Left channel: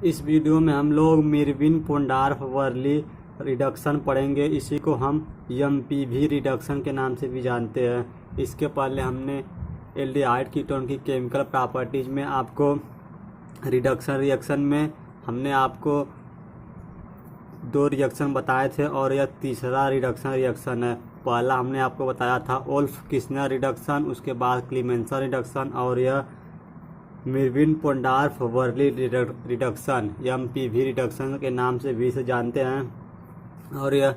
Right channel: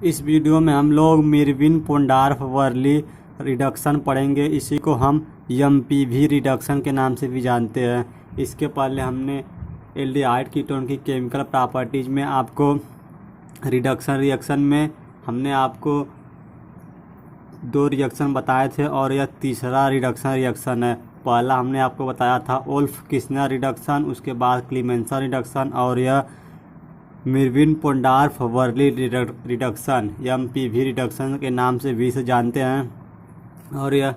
इस वीडियो में हम लोग मिरविन पोंडार्फ वर्ली रिडक्शन पढ़ेंगे। इसी को हम एमपीवी रिडक्शन के नाम से भी जानते हैं। इसके पहले हमने एल्डिहाइड कीटोन की केमिकल प्रॉपर्टीज में आपको रिएक्शन में हमने आपको 2 रिएक्शन बताए थे और यह तीसरा रिएक्शन है। पहला हमने आपको बताया था ओल्फ किस्नर रिडक्शन, उसके बाद क्लीमेंसन रिडक्शन और यह मिरविन पोंडार्फ वर्ली रिडक्शन एमपीवी रिडक्शन के नाम से भी इसे जानते हैं। और यह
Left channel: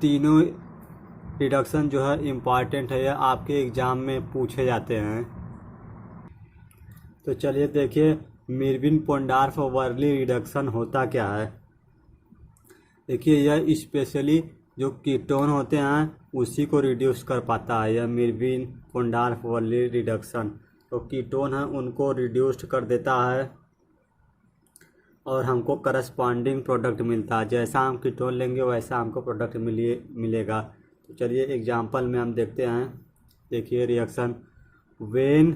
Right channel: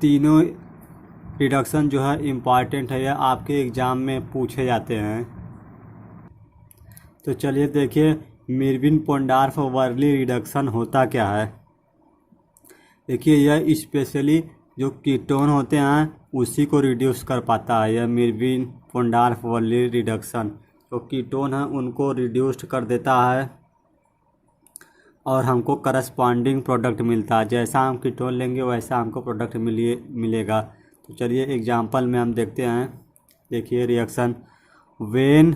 तीनों रिडक्शन जो है इम्पॉर्टेंट है, यह आपके एग्ज़ाम में पूछे जाते हैं। तो चलिए देखिए मिरविन पोंडार्फ वर्ली रिडक्शन होता क्या है। देखिए यह स्पेशली जो कीटोन होते हैं उसी को रिड्यूस कर पाता है। यह मिरविन पोंडार्फ वर्ली रिडक्शन तो कीटोन है उनको रिड्यूस्ड कर देता है और हमको करस्पॉन्डिंग प्रोडक्ट मिलता है। जैसा हम कीटोन लेंगे वैसा हमको प्रोडक्ट मिलेगा। तो चलिए एग्जांपल में हम देखते हैं। देखिए reaction when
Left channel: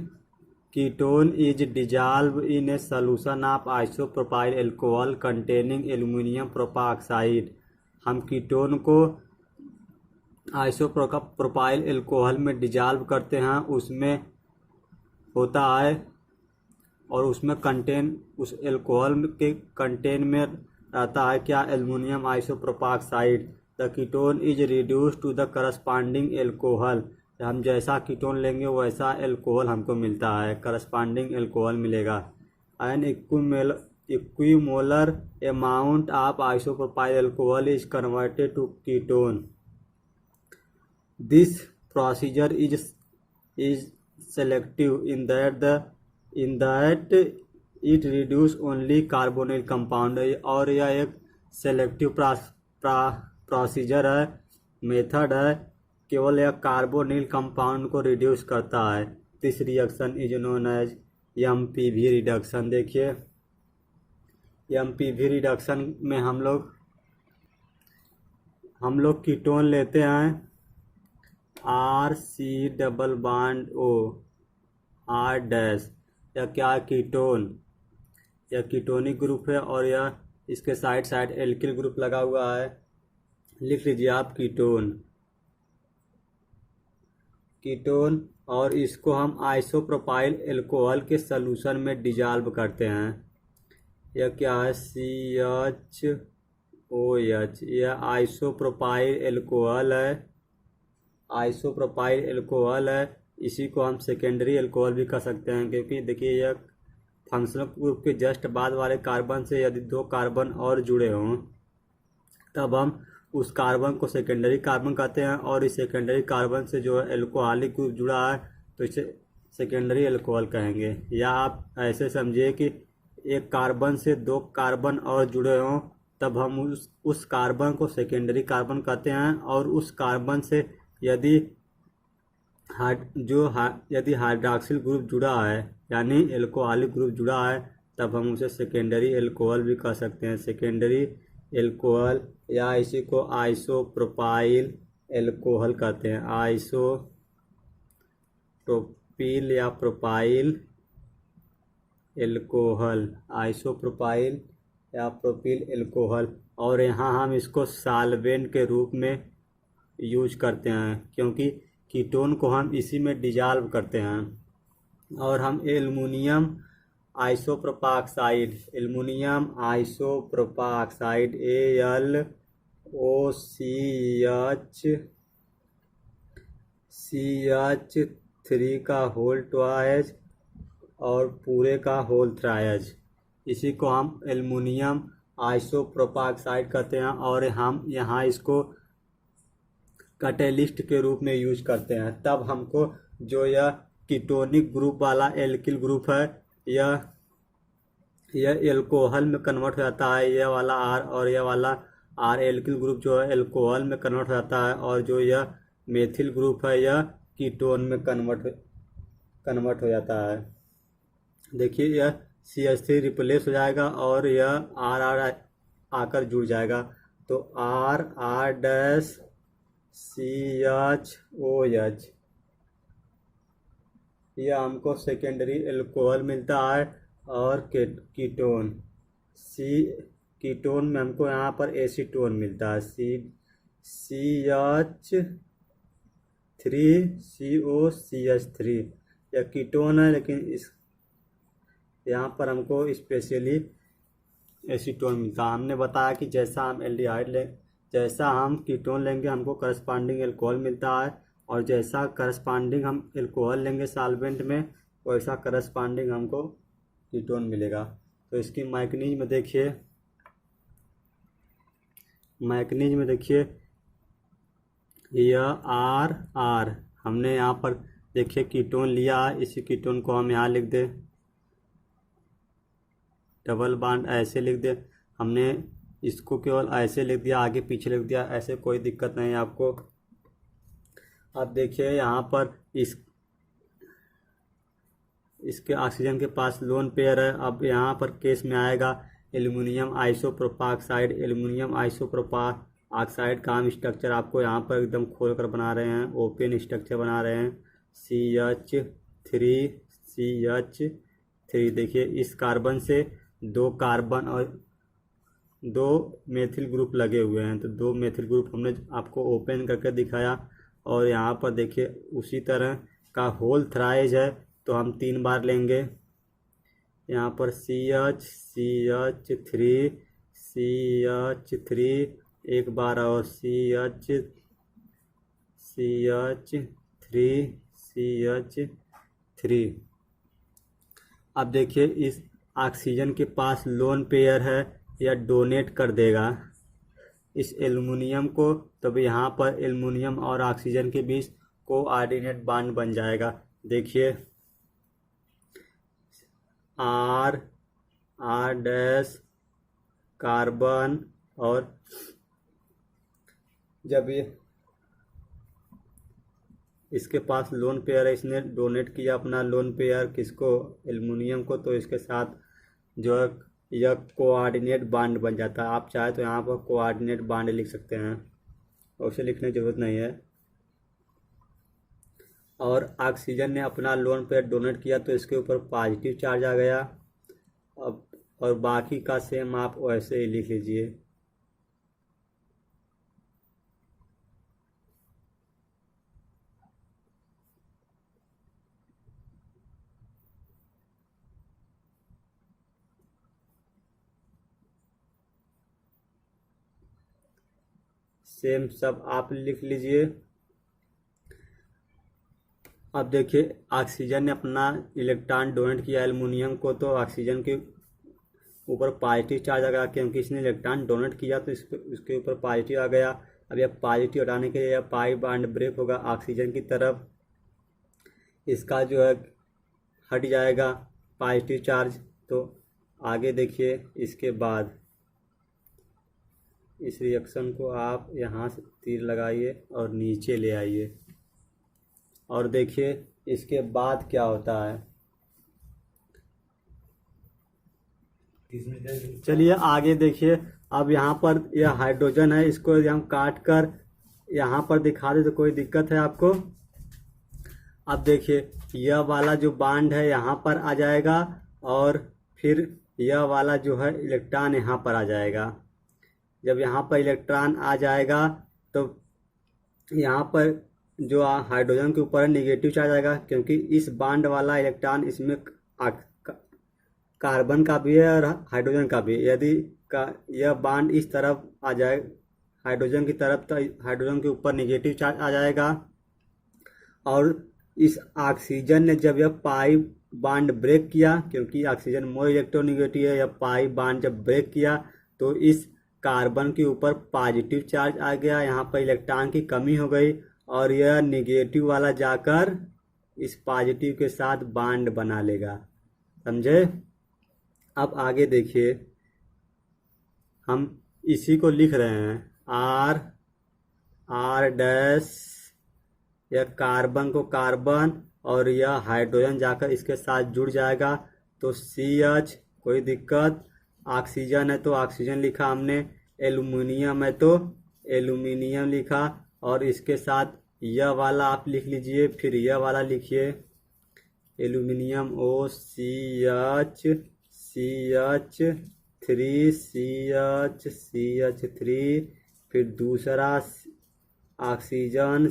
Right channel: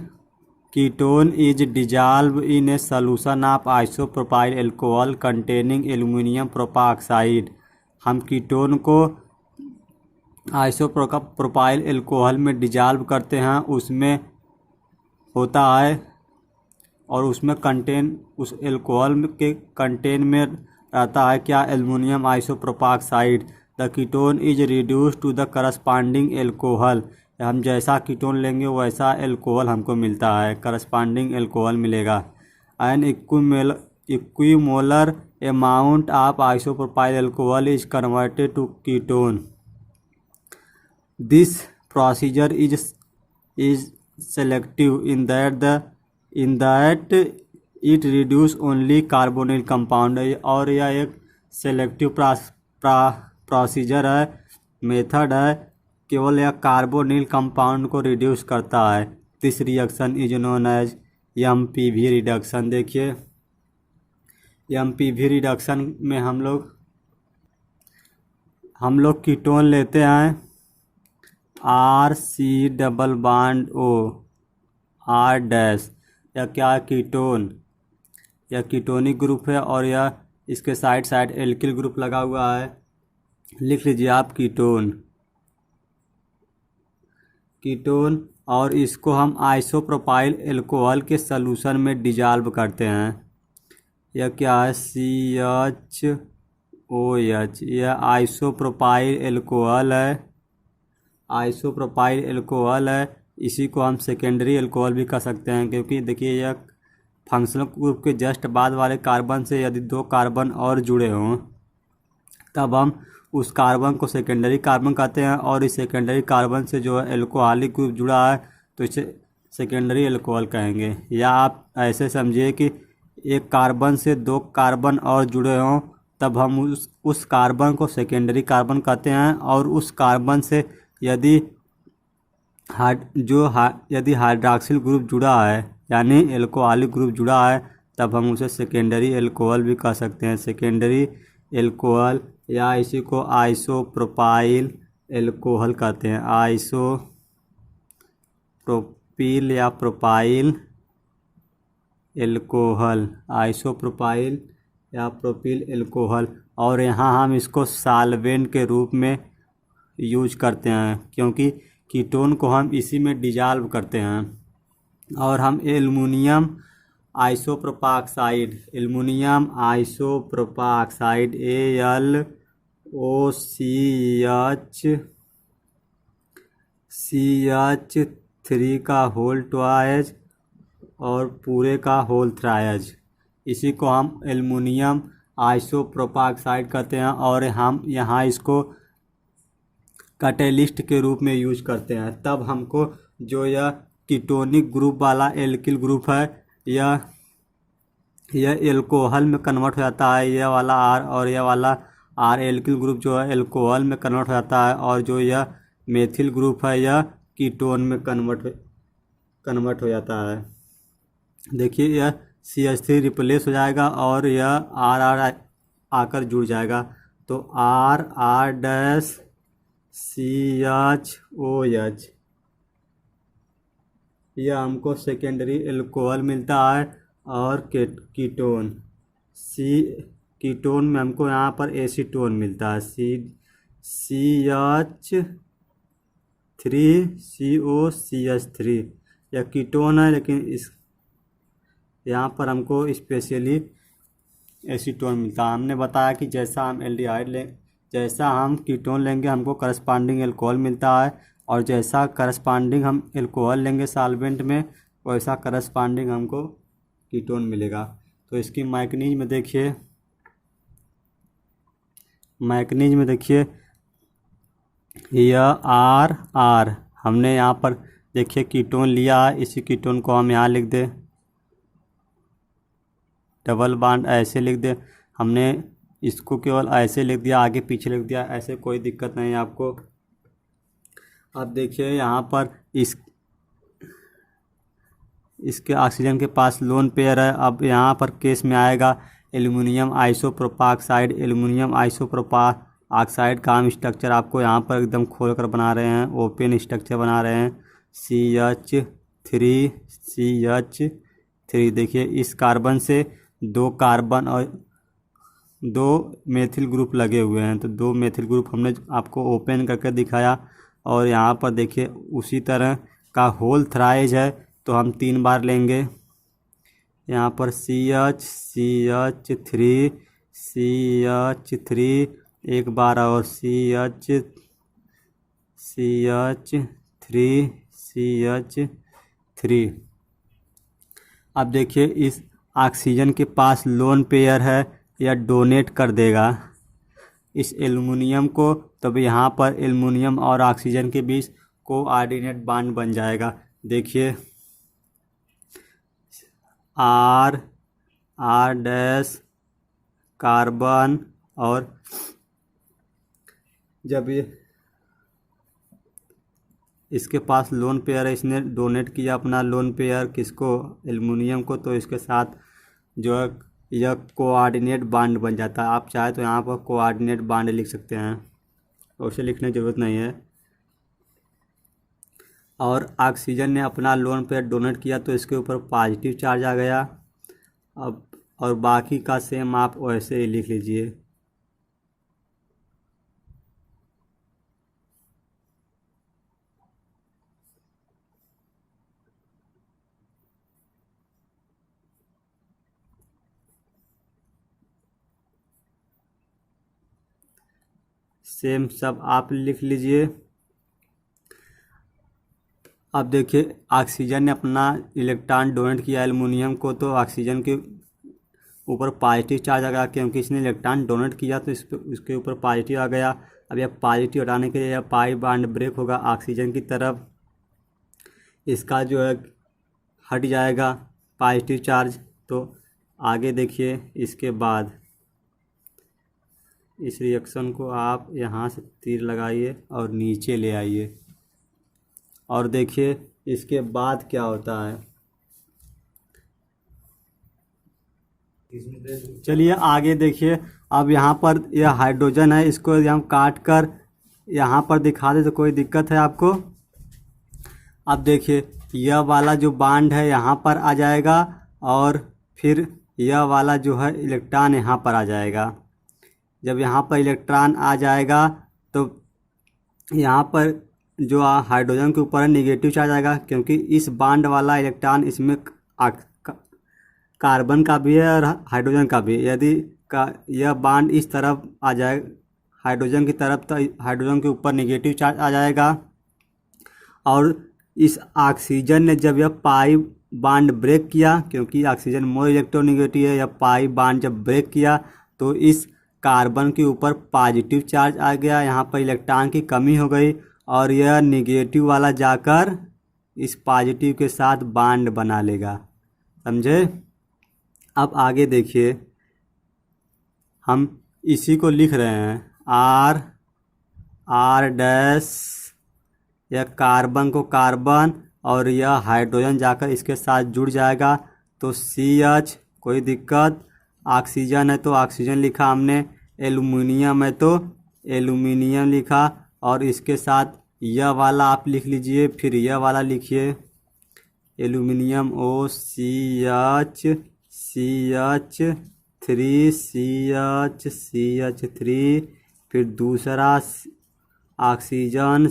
ketone is dissolve in a solution of isopropyl alcohol containing aluminium propoxide. हम कीटोन को आइसोप्रोपाइल अल्कोहल में डिजॉल्व करते हैं, उसमें होता है और उसमें उस अल्कोहल के कंटेन में रहता है क्या, aluminium isopropoxide. The ketone is reduce to the corresponding alcohol. हम जैसा कीटोन लेंगे वैसा अल्कोहल हमको मिलता है, करस्पॉन्डिंग अल्कोहल मिलेगा। An equimolar amount of isopropyl alcohol is converted to ketone. This procedure is selective in that it reduce only carbonyl compound है और यह एक सेलेक्टिव प्रोसीजर है, मेथड है, केवल यह कार्बोनिल कंपाउंड को रिड्यूस करता है। This reaction is known as MPV reduction. देखिए एमपीवी रिडक्शन में हम लोग कीटोन लेते हैं RC double bond O R dash. यह क्या कीटोन, यह कीटोनिक ग्रुप है और यह इसके साइड एल्किल ग्रुप लगा हुआ है। लिख लीजिए आप कीटोन और इसको हम आइसोप्रोपाइल अल्कोहल के सॉल्यूशन में डिजॉल्व करते हैं। यह क्या है CHOH। यह आइसोप्रोपाइल अल्कोहल है, इसी को हम सेकेंडरी अल्कोहल भी कह सकते हैं, क्योंकि देखिए यह फंक्शनल ग्रुप के जस्ट बाद वाले कार्बन से यदि 2 कार्बन और जुड़े हों तब हम उस कार्बन को सेकेंडरी कार्बन कहते हैं और इस सेकेंडरी कार्बन से जो है अल्कोहलिक ग्रुप जुड़ा है तो इसे सेकेंडरी अल्कोहल कहेंगे। या आप ऐसे समझिए कि एक कार्बन से 2 कार्बन और जुड़े हों तब हम उस कार्बन को सेकेंडरी कार्बन कहते हैं और उस कार्बन से यदि हाइड्रॉक्सिल ग्रुप जुड़ा है यानी अल्कोहलिक ग्रुप जुड़ा है तब हम उसे सेकेंडरी अल्कोहल भी कह सकते हैं, सेकेंडरी अल्कोहल। या इसी को आइसोप्रोपाइल अल्कोहल कहते हैं, आइसोप्रोपिल या प्रोपाइल अल्कोहल, आइसोप्रोपाइल या प्रोपिल अल्कोहल। और यहाँ हम इसको सॉल्वेंट के रूप में यूज करते हैं क्योंकि कीटोन को हम इसी में डिजॉल्व करते हैं। और हम एल्युमिनियम आइसोप्रोपाऑक्साइड AlCH3 का होल ट्वाइज और पूरे का होल थ्राइज, इसी को हम एल्युमिनियम आइसोप्रोपाऑक्साइड कहते हैं और हम यहाँ इसको कैटेलिस्ट के रूप में यूज करते हैं। तब हमको जो यह कीटोनिक ग्रुप वाला एल्किल ग्रुप है यह अल्कोहल में कन्वर्ट हो जाता है, यह वाला R और यह वाला R एल्किल ग्रुप जो है अल्कोहल में कन्वर्ट हो जाता है और जो यह मेथिल ग्रुप है यह कीटोन में कन्वर्ट हो जाता है। देखिए यह CH3 रिप्लेस हो जाएगा और यह R आकर जुड़ जाएगा तो R डैश CHOH। यह हमको सेकेंडरी अल्कोहल मिलता है और कीटोन सी कीटोन में हमको यहाँ पर एसीटोन मिलता है, CH3COCH3। यह कीटोन है, लेकिन इस यहाँ पर हमको स्पेशली एसीटोन मिलता है। हमने बताया कि जैसा हम कीटोन लेंगे हमको करस्पांडिंग एल्कोहल मिलता है, और जैसा करस्पांडिंग हम एल्कोहल लेंगे सॉल्वेंट में, वैसा करस्पांडिंग हमको कीटोन मिलेगा। तो इसकी मैकेनिज्म में देखिए यह R हमने यहाँ पर देखिए कीटोन लिया है, इसी कीटोन को हम यहाँ लिख दे, डबल बॉन्ड ऐसे लिख दे। हमने इसको केवल ऐसे लिख दिया, आगे पीछे लिख दिया, ऐसे कोई दिक्कत नहीं है आपको। अब देखिए यहाँ पर इसके ऑक्सीजन के पास लोन पेयर है। अब यहाँ पर केस में आएगा एल्युमिनियम आइसोप्रोपाऑक्साइड। एल्युमिनियम आइसोप्रोपाऑक्साइड का हम स्ट्रक्चर आपको यहाँ पर एकदम खोल कर बना रहे हैं, ओपन स्ट्रक्चर बना रहे हैं। CH3 देखिए इस कार्बन से 2 कार्बन और 2 मेथिल ग्रुप लगे हुए हैं, तो 2 मेथिल ग्रुप हमने आपको ओपन करके दिखाया। और यहाँ पर देखिए उसी तरह का होल थ्राइज है, तो हम 3 बार लेंगे। यहाँ पर CH3 एक बार, और CH3। अब देखिए इस ऑक्सीजन के पास लोन पेयर है, या डोनेट कर देगा इस एल्युमिनियम को, तब यहाँ पर एल्युमिनियम और ऑक्सीजन के बीच कोऑर्डिनेट बॉन्ड बन जाएगा। देखिए R डैश कार्बन, और जब ये इसके पास लोन पेयर है, इसने डोनेट किया अपना लोन पेयर किसको, एल्युमिनियम को, तो इसके साथ जो है यह कोऑर्डिनेट बॉन्ड बन जाता है। आप चाहे तो यहाँ पर कोऑर्डिनेट बॉन्ड लिख सकते हैं, उसे लिखने की ज़रूरत नहीं है। और ऑक्सीजन ने अपना लोन पेयर डोनेट किया, तो इसके ऊपर पॉजिटिव चार्ज आ गया। अब और बाकी का सेम आप वैसे ही लिख लीजिए। सेम सब आप लिख लीजिए। अब देखिए ऑक्सीजन ने अपना इलेक्ट्रॉन डोनेट किया एल्युमिनियम को, तो ऑक्सीजन के ऊपर पॉजिटिव चार्ज आ गया, क्योंकि इसने इलेक्ट्रॉन डोनेट किया तो इसके ऊपर पॉजिटिव आ गया। अब यह पॉजिटिव हटाने के लिए यह पाई बॉन्ड ब्रेक होगा ऑक्सीजन की तरफ, इसका जो है हट जाएगा पॉजिटिव चार्ज। तो आगे देखिए इसके बाद इस रिएक्शन को आप यहाँ से तीर लगाइए और नीचे ले आइए, और देखिए इसके बाद क्या होता है। चलिए आगे देखिए। अब यहाँ पर यह हाइड्रोजन है, इसको हम काट कर यहाँ पर दिखा दे तो कोई दिक्कत है आपको। अब देखिए यह वाला जो बॉन्ड है यहाँ पर आ जाएगा, और फिर यह वाला जो है इलेक्ट्रॉन यहाँ पर आ जाएगा। जब यहाँ पर इलेक्ट्रॉन आ जाएगा तो यहाँ पर जो हाइड्रोजन के ऊपर है निगेटिव चार्ज आएगा, क्योंकि इस बॉन्ड वाला इलेक्ट्रॉन इसमें कार्बन का भी है और हाइड्रोजन का भी। यदि यह बॉन्ड इस तरफ आ जाए हाइड्रोजन की तरफ, तो हाइड्रोजन के ऊपर निगेटिव चार्ज आ जाएगा। और इस ऑक्सीजन ने जब यह पाई बॉन्ड ब्रेक किया, क्योंकि ऑक्सीजन मोर इलेक्ट्रोनेगेटिव है, यह पाई बॉन्ड जब ब्रेक किया तो इस कार्बन के ऊपर पॉजिटिव चार्ज आ गया, यहाँ पर इलेक्ट्रॉन की कमी हो गई, और यह निगेटिव वाला जाकर इस पॉजिटिव के साथ बॉन्ड बना लेगा। समझे? अब आगे देखिए, हम इसी को लिख रहे हैं R डैश, यह कार्बन को कार्बन और यह हाइड्रोजन जाकर इसके साथ जुड़ जाएगा, तो CH, कोई दिक्कत। ऑक्सीजन है तो ऑक्सीजन लिखा हमने, एल्युमिनियम है तो एल्युमिनियम लिखा, और इसके साथ यह वाला आप लिख लीजिए, फिर यह वाला लिखिए, एल्युमिनियम OCH CH3, फिर दूसरा ऑक्सीजन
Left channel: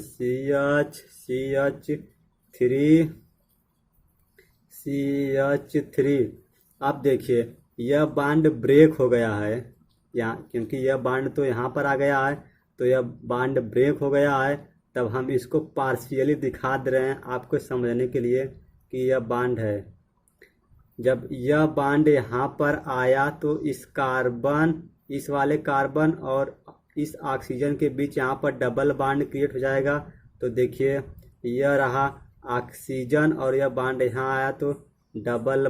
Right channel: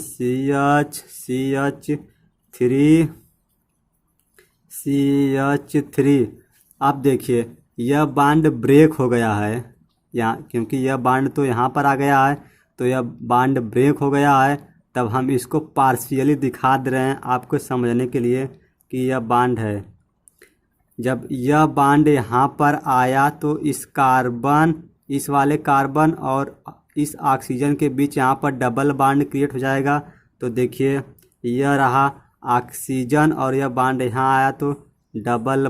CH3। अब देखिए यह बांड ब्रेक हो गया है यहाँ, क्योंकि यह बांड तो यहाँ पर आ गया है, तो यह बांड ब्रेक हो गया है। तब हम इसको पार्शियली दिखा दे रहे हैं आपको समझने के लिए कि यह बांड है। जब यह बांड यहाँ पर आया तो इस वाले कार्बन और इस ऑक्सीजन के बीच यहाँ पर डबल बांड क्रिएट हो जाएगा। तो देखिए यह रहा ऑक्सीजन और यह बांड यहाँ आया तो डबल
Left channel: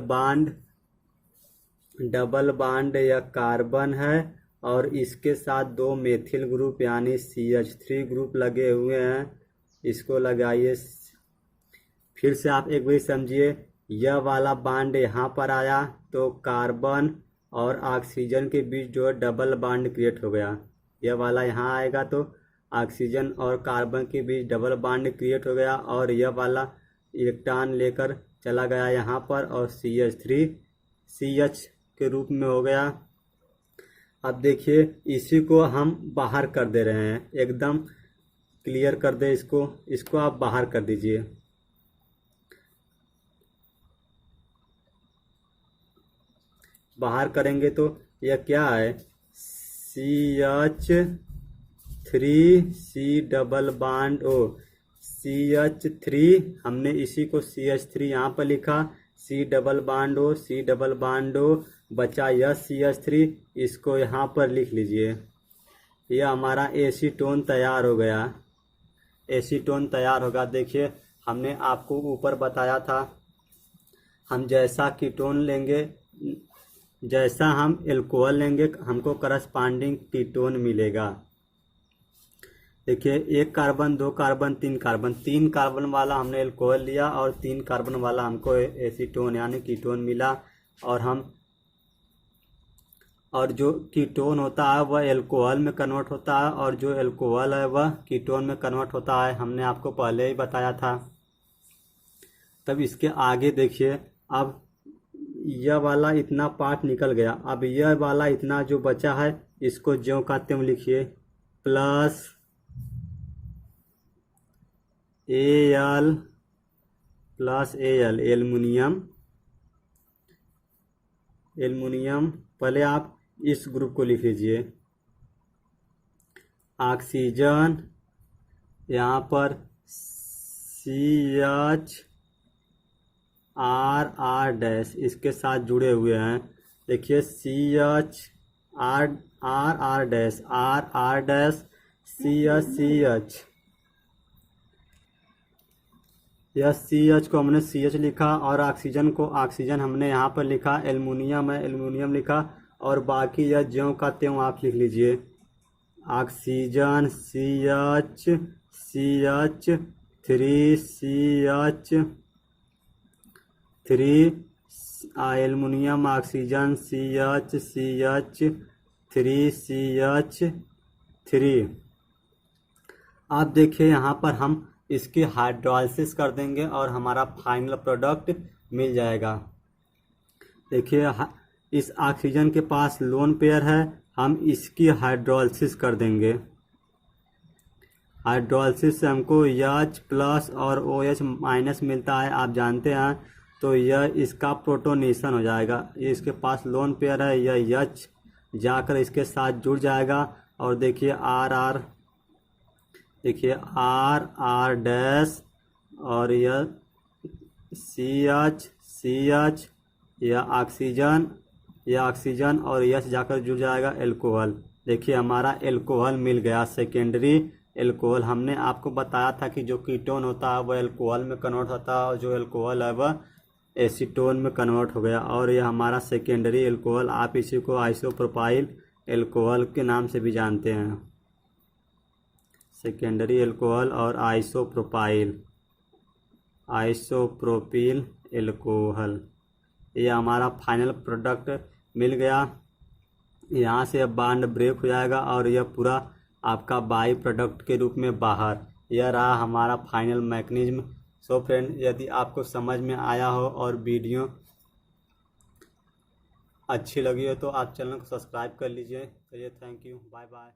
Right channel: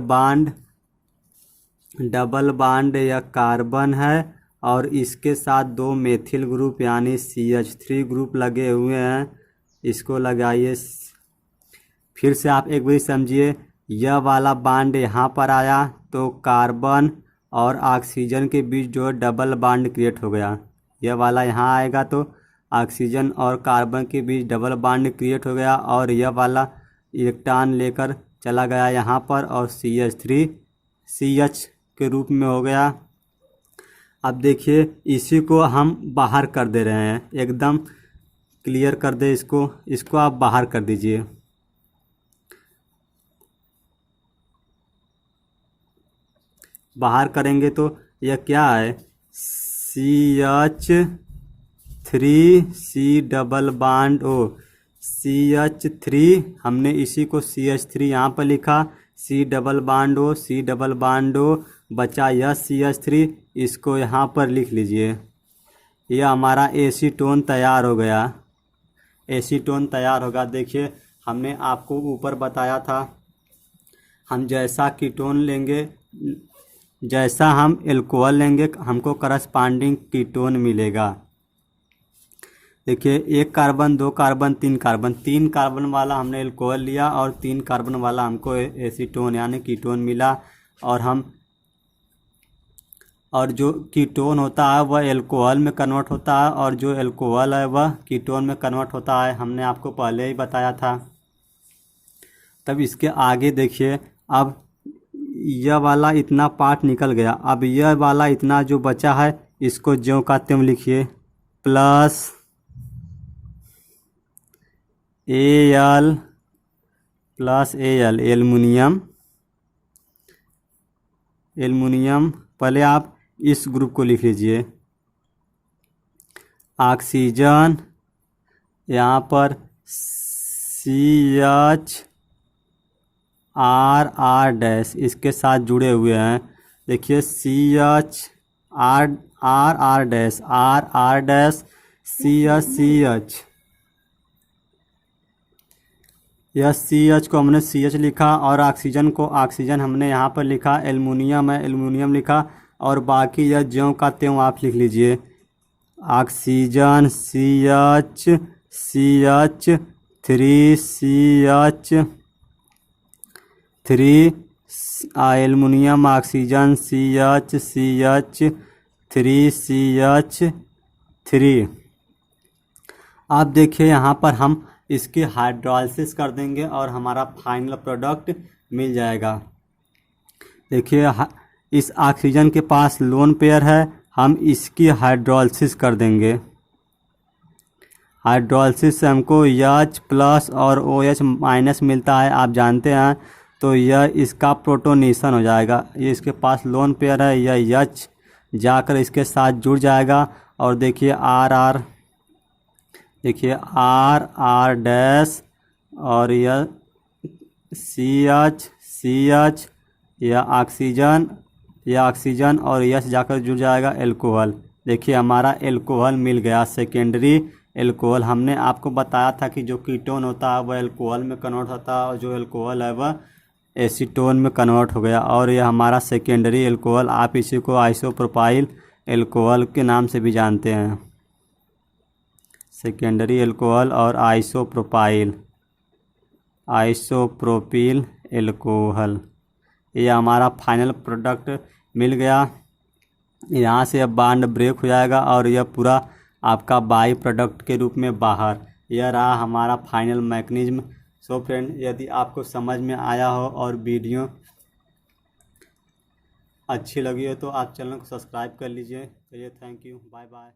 बांड यह कार्बन है और इसके साथ 2 मेथिल ग्रुप यानी CH3 ग्रुप लगे हुए हैं। इसको लगाइए। फिर से आप एक बार समझिए, यह वाला बांड यहाँ पर आया तो कार्बन और ऑक्सीजन के बीच जो डबल बांड क्रिएट हो गया। यह वाला यहाँ आएगा तो ऑक्सीजन और कार्बन के बीच डबल बांड क्रिएट हो गया और यह वाला इलेक्ट्रॉन लेकर चला गया यहाँ पर और CH3 CH के रूप में हो गया। अब देखिए इसी को हम बाहर कर दे रहे हैं, एकदम क्लियर कर दे इसको आप बाहर कर दीजिए। बाहर करेंगे तो यह क्या है, CH3 double bond O CH3, हमने इसी को CH3 यहाँ पर लिखा, C डबल बांड O बचा यह CH3, इसको यहाँ पर लिख लीजिए। यह हमारा एसीटोन तैयार हो गया। एसीटोन तैयार होगा। देखिए हमने आपको ऊपर बताया था, हम जैसा कीटोन लेंगे, जैसा हम एल्कोहल लेंगे हमको करस्पॉन्डिंग कीटोन मिलेगा। देखिए 1 कार्बन 2 कार्बन 3 कार्बन, 3 कार्बन वाला हमने एल्कोहल लिया और 3 कार्बन वाला हमको एसीटोन यानी कीटोन मिला। और जो कीटोन होता है वह एल्कोहल में कन्वर्ट होता है और जो एल्कोहल है वह कीटोन में कन्वर्ट होता है, हमने आपको पहले ही बताया था। तब इसके आगे देखिए, अब यह वाला इतना पार्ट निकल गया, अब यह वाला इतना जो बचा है इसको ज्यों का त्यों लिखिए, प्लस Al एल्युमिनियम। पहले आप इस ग्रुप को लिख लीजिए, ऑक्सीजन यहाँ पर CH इसके साथ जुड़े हुए हैं। देखिए CH CH, यह CH को हमने CH लिखा और ऑक्सीजन को ऑक्सीजन हमने यहाँ पर लिखा, एल्युमिनियम है एल्युमिनियम लिखा और बाकी यह ज्यों का त्यों आप लिख लीजिए। Oxygen CH3 aluminium oxygen CH3 आप देखिए यहाँ पर हम इसकी हाइड्रोलाइसिस कर देंगे और हमारा फाइनल प्रोडक्ट मिल जाएगा। देखिए इस ऑक्सीजन के पास लोन पेयर है, हम इसकी हाइड्रोलाइसिस कर देंगे। हाइड्रोलाइसिस से हमको H+ और OH- मिलता है, आप जानते हैं। तो यह इसका प्रोटोनेशन हो जाएगा। ये इसके पास लोन पेयर है, यह H जाकर इसके साथ जुड़ जाएगा और देखिए R और यह CH यह ऑक्सीजन और यह जाकर जुड़ जाएगा एल्कोहल। देखिए हमारा एल्कोहल मिल गया, सेकेंडरी एल्कोहल। हमने आपको बताया था कि जो कीटोन होता है वह एल्कोहल में कन्वर्ट होता है और जो एल्कोहल है वह एसीटोन में कन्वर्ट हो गया और यह हमारा सेकेंडरी एल्कोहल। आप इसी को आइसोप्रोपाइल एल्कोहल के नाम से भी जानते हैं, सेकेंडरी एल्कोहल और आइसोप्रोपिल एल्कोहल। ये हमारा फाइनल प्रोडक्ट मिल गया। यहाँ से अब बॉन्ड ब्रेक हो जाएगा और यह पूरा आपका बाई प्रोडक्ट के रूप में बाहर। यह रहा हमारा फाइनल मैकेनिज्म। सो फ्रेंड, यदि आपको समझ में आया हो और वीडियो अच्छी लगी हो तो आप चैनल को सब्सक्राइब कर लीजिए। चलिए, थैंक यू, बाय बाय।